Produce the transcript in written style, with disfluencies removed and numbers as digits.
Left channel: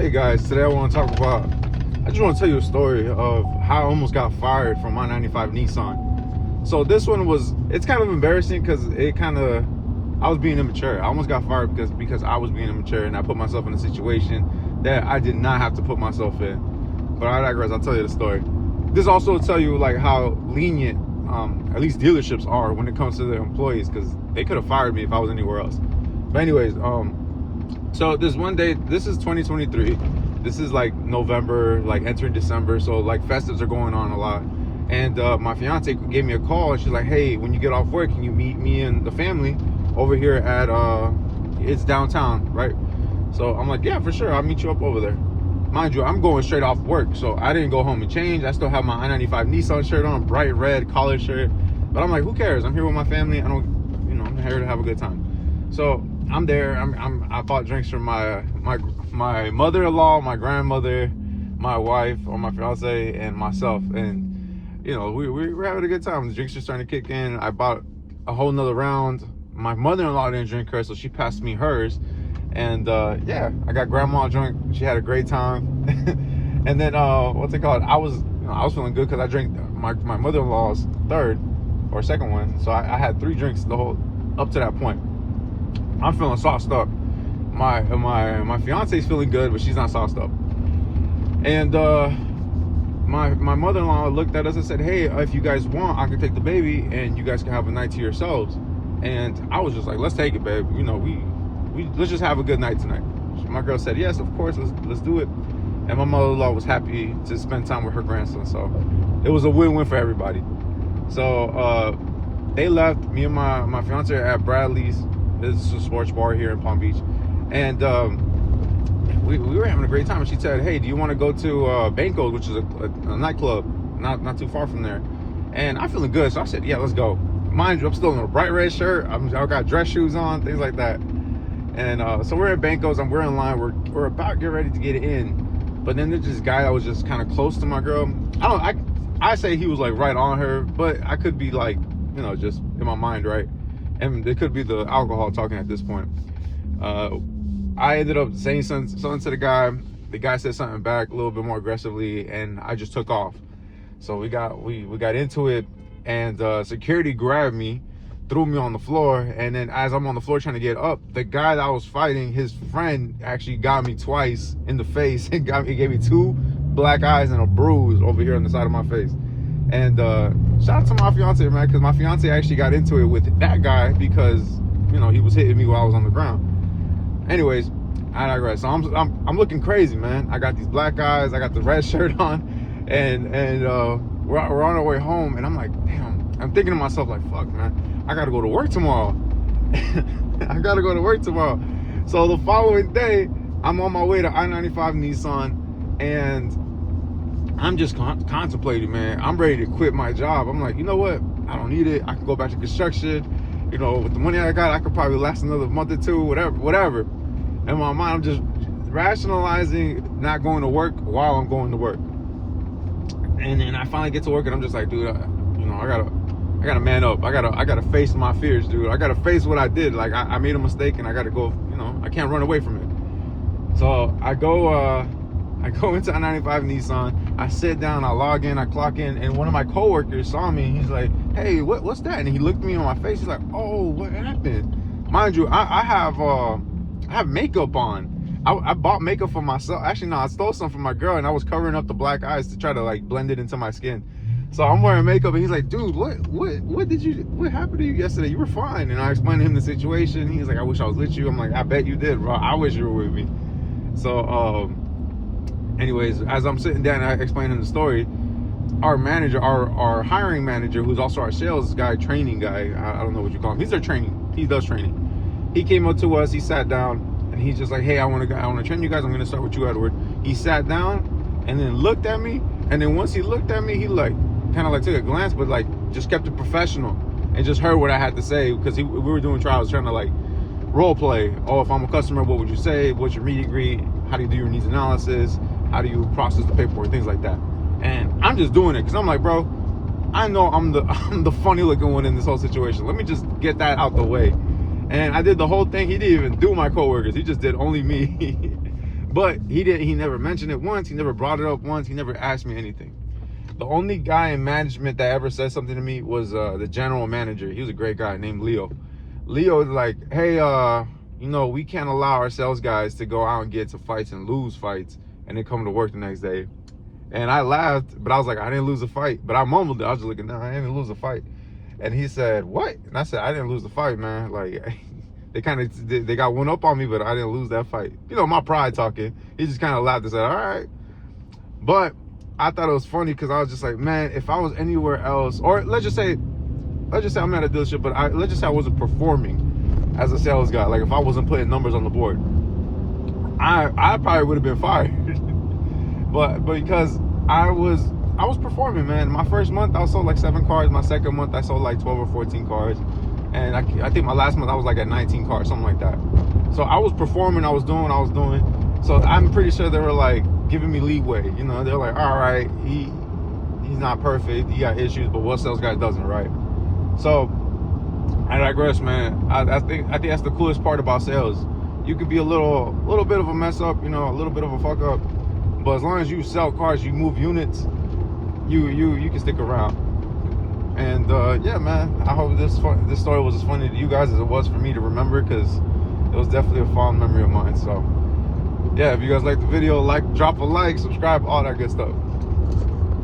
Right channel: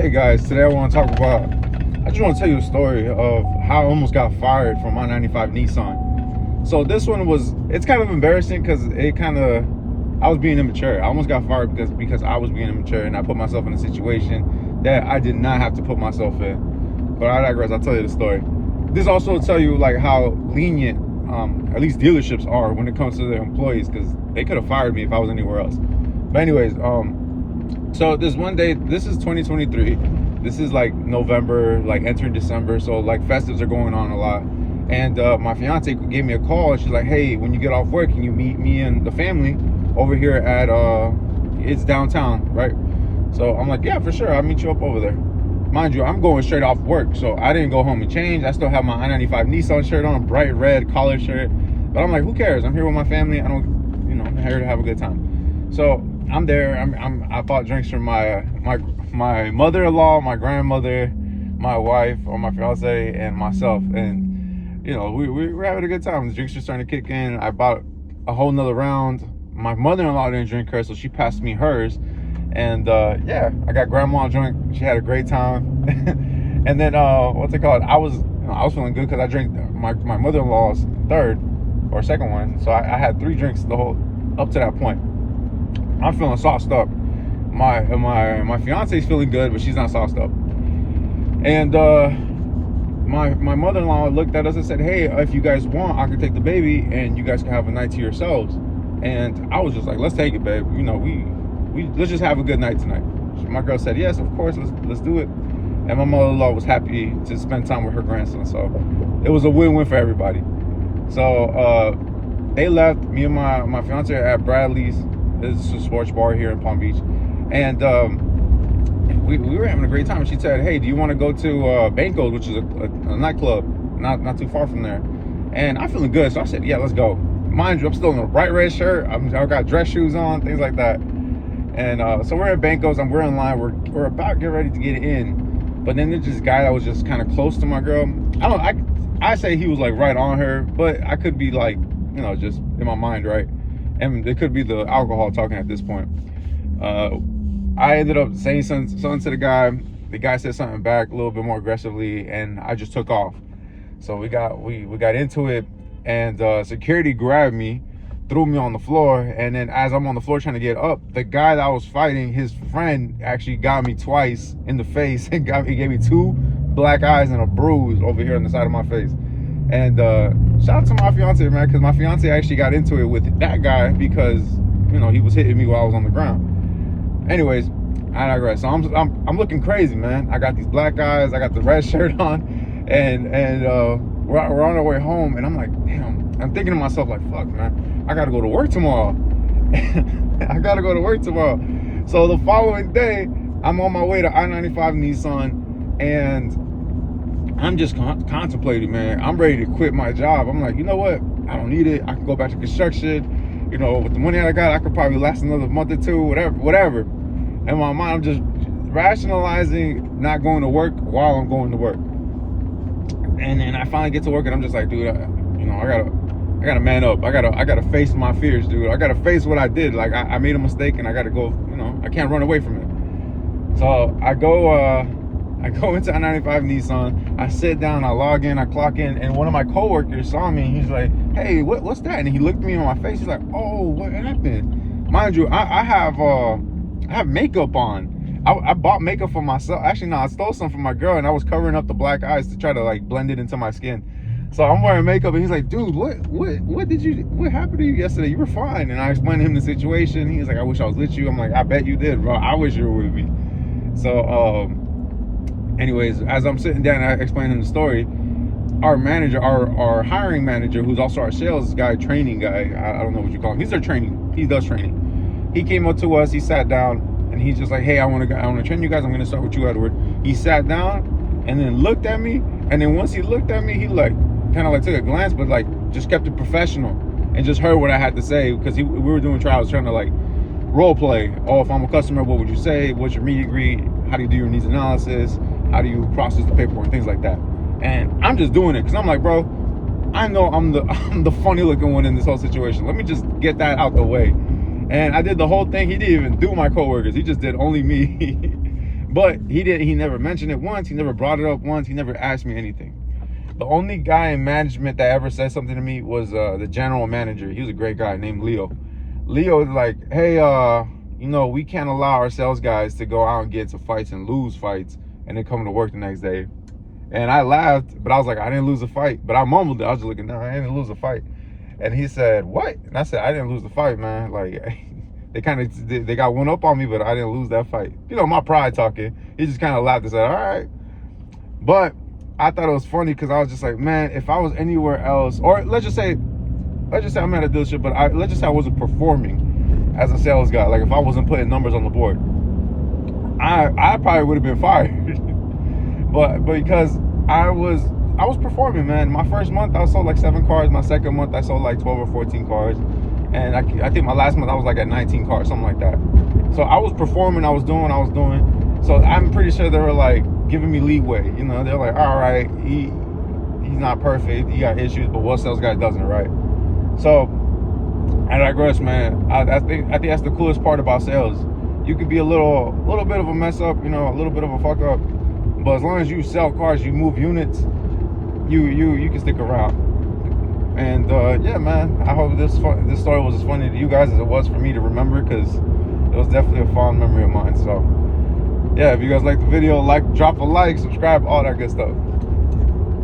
Hey guys, today I want to talk about, I just want to tell you a story of how I almost got fired from I95 Nissan. So this one was, it's kind of embarrassing because I was being immature. I almost got fired because I was being immature and I put myself in a situation that I did not have to put myself in. But I digress, I'll tell you the story. This also will tell you like how lenient, at least dealerships are when it comes to their employees, because they could have fired me if I was anywhere else. But anyways, so this one day, this is 2023, this is like November, like entering December, so like festives are going on a lot. And my fiance gave me a call and she's like, hey, when you get off work, can you meet me and the family over here at it's downtown, right? So I'm like, yeah, for sure, I'll meet you up over there. Mind you, I'm going straight off work, so I didn't go home and change. I still have my I95 Nissan shirt on, bright red collared shirt, but I'm like, who cares? I'm here with my family. I'm here to have a good time. So I'm there. I bought drinks for my mother-in-law, my grandmother, my wife, or my fiance, and myself. And we're having a good time. The drinks are starting to kick in. I bought a whole nother round. My mother-in-law didn't drink hers, so she passed me hers. And yeah, I got grandma a drink. She had a great time. And then what's it called? I was feeling good because I drank my mother-in-law's third or second one. So I had 3 drinks up to that point. I'm feeling sauced up. My fiance's feeling good, but she's not sauced up. And my mother-in-law looked at us and said, hey, if you guys want, I can take the baby and you guys can have a night to yourselves. And I was just like, let's take it, babe. Let's just have a good night tonight. My girl said, yes, of course, let's do it. And my mother-in-law was happy to spend time with her grandson. So it was a win-win for everybody. So they left, me and my fiance at Bradley's. It's a sports bar here in Palm Beach. And we were having a great time. And she said, hey, do you want to go to Banco's, which is a nightclub not too far from there? And I'm feeling good, so I said, yeah, let's go. Mind you, I'm still in a bright red shirt. I got dress shoes on, things like that. And so we're at Banco's and we're in line. We're about to get ready to get in. But then there's this guy that was just kind of close to my girl. I say he was like right on her, but I could be like, just in my mind, right? And it could be the alcohol talking at this point. I ended up saying something to the guy. The guy said something back a little bit more aggressively, and I just took off. So we got into it, and security grabbed me, threw me on the floor, and then as I'm on the floor trying to get up, the guy that I was fighting, his friend actually got me twice in the face and he gave me 2 black eyes and a bruise over here on the side of my face. And shout out to my fiance, man, because my fiance actually got into it with that guy because he was hitting me while I was on the ground. Anyways, I digress. So I'm looking crazy, man. I got these black eyes, I got the red shirt on, and we're on our way home, and I'm like, damn. I'm thinking to myself like, fuck, man, I gotta go to work tomorrow. I gotta go to work tomorrow. So the following day, I'm on my way to I95 Nissan, and I'm just contemplating, man. I'm ready to quit my job. I'm like, you know what? I don't need it. I can go back to construction. With the money I got, I could probably last another month or 2, whatever. In my mind, I'm just rationalizing not going to work while I'm going to work. And then I finally get to work, and I'm just like, dude, I gotta man up. I gotta face my fears, dude. I gotta face what I did. Like I made a mistake, and I gotta go. I can't run away from it. So I go into I95 Nissan, I sit down, I log in, I clock in, and one of my coworkers saw me, and he's like, hey, what's that? And he looked me in my face, he's like, oh, what happened? Mind you, I have makeup on. I bought makeup for myself. Actually, no, I stole some from my girl, and I was covering up the black eyes to try to like blend it into my skin. So I'm wearing makeup, and he's like, dude, what happened to you yesterday? You were fine. And I explained to him the situation. He's like, I wish I was with you. I'm like, I bet you did, bro. I wish you were with me. So anyways, as I'm sitting down, I explained him the story. Our manager, our hiring manager, who's also our sales guy, training guy, I don't know what you call him. He's our training. He does training. He came up to us. He sat down, and he's just like, hey, I want to train you guys. I'm going to start with you, Edward. He sat down and then looked at me. And then once he looked at me, he like kind of like took a glance, but like just kept it professional and just heard what I had to say, because we were doing trials, trying to like role play. Oh, if I'm a customer, what would you say? What's your meet and greet? How do you do your needs analysis? How do you process the paperwork? Things like that. And I'm just doing it because I'm like, bro, I know I'm the funny looking one in this whole situation. Let me just get that out the way. And I did the whole thing. He didn't even do my coworkers. He just did only me. But he never mentioned it once. He never brought it up once. He never asked me anything. The only guy in management that ever said something to me was the general manager. He was a great guy named Leo. Leo was like, hey, you know, we can't allow our sales guys to go out and get to fights and lose fights and then come to work the next day. And I laughed, but I was like, I didn't lose a fight. But I mumbled it. I was just looking, no, I didn't lose a fight. And he said, what? And I said, I didn't lose the fight, man. Like, they got one up on me, but I didn't lose that fight. You know, my pride talking. He just kind of laughed and said, all right. But I thought it was funny because I was just like, man, if I was anywhere else, or let's just say I'm at a dealership, but let's just say I wasn't performing as a sales guy. Like if I wasn't putting numbers on the board, I probably would have been fired. but because I was performing, man. My first month I sold like 7 cars. My second month I sold like 12 or 14 cars. And I think my last month I was like at 19 cars, something like that. So I was performing, I was doing what I was doing. So I'm pretty sure they were like giving me leeway. You know, they're like, all right, he's not perfect, he got issues, but what sales guy doesn't, right? So I digress, man. I think that's the coolest part about sales. You could be a little bit of a mess up, you know, a little bit of a fuck up, but as long as you sell cars, you move units, you can stick around. And yeah, man, I hope this story was as funny to you guys as it was for me to remember, because it was definitely a fond memory of mine. So yeah, if you guys like the video, drop a like, subscribe, all that good stuff.